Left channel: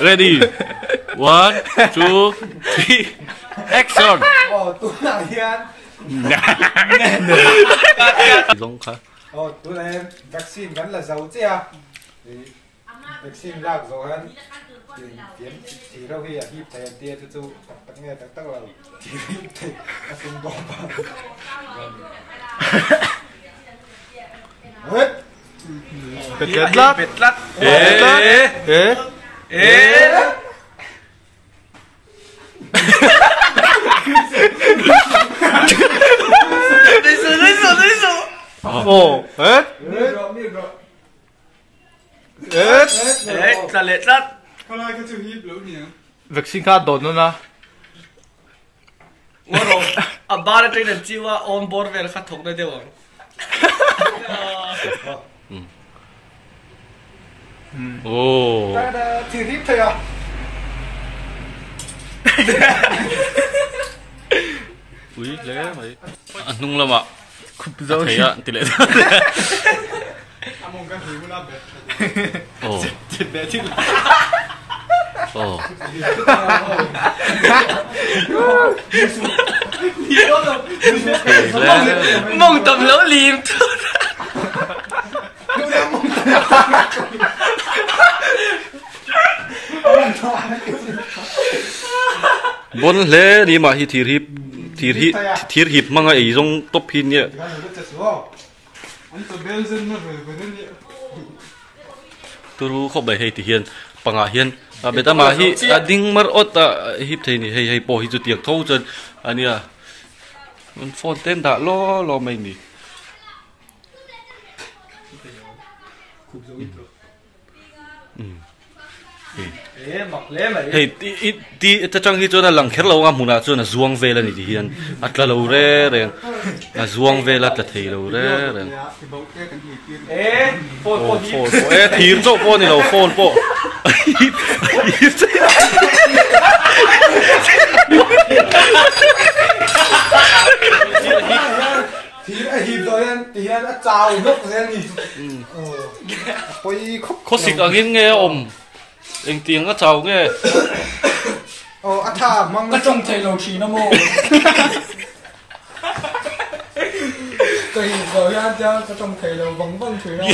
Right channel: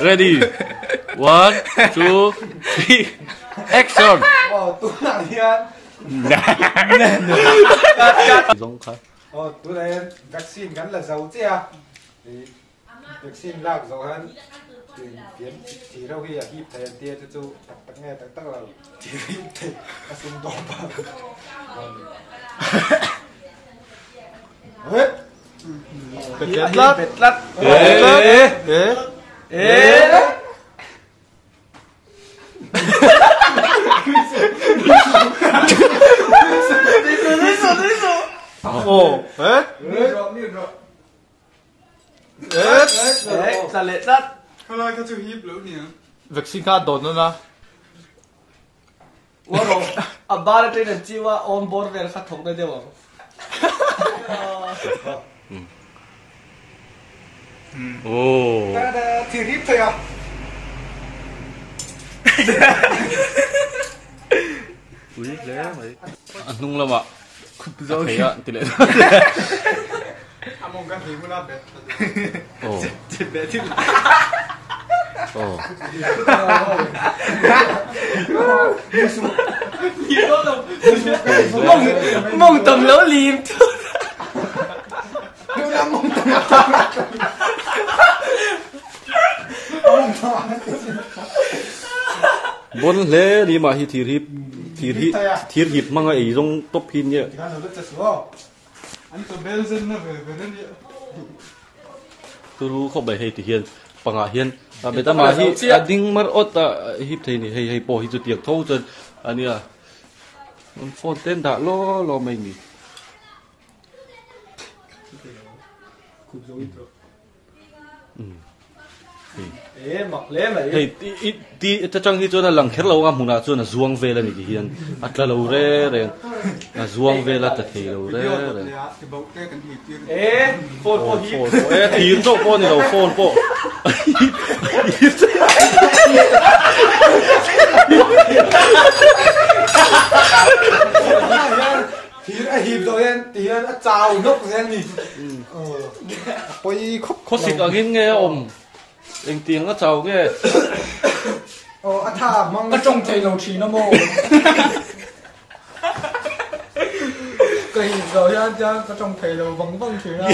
Ready. 1, 2, 3. Action. Tụi này hiền. Giống khá. Tụi này vaccine gắn là dấu chứ à? Vaccine lạc dấu hơn. Tiến chỉ đâu khi hiệp thầy tia chú tắc nghe tắc là chỉ thầy vaccine bom hết. Bệt lát. Ê. Đấy rồi. Ồ, hết. Đấy, là lệ lát. Có lai có chịu hiếp lỡ nhỉ? Vaccine khá đồn luôn à? Wow, à ba là trên chỉว่า on board về khát thủng đây đều không? Ồ. Thì hiếp thôi à? Ui, lẽ mày. Ăn nung lắm ạ. Thấy ạ, tỷ lệ. À mong cái gì cũng làm được. Ồ. Ồ. Mong tầm lỗ liềm. Bốn lẽ đi mà hi thiệt hiệp mang ấy trong top pin nhỉ? Anh tôi bel dân nó về đây nhỉ? Tôi không phải hay thì hiền, bằng à hiền, bây giờ mà hi đinh mar ớt hiệp thế này hay bỏ hi chút tiền thâu chân, anh à, phone tên đã lo mình đi. Hey, ti ta chang hi chona lang kher lo nga muna chona zuang ve la ni hian atla lo re reng a zuang ve la tla thei lo re reng phone thir chok po ni lo phone po hiệp rồi anh thì anh đã chào nước rồi anh nhỉ? Có xịt ở nghe ôm anh tiếng nó chào nghe thà mong Có trông thầy lầu trí nó mô. Tôi hiểu rồi anh có trông thầy lầu vắng vắng thử ra.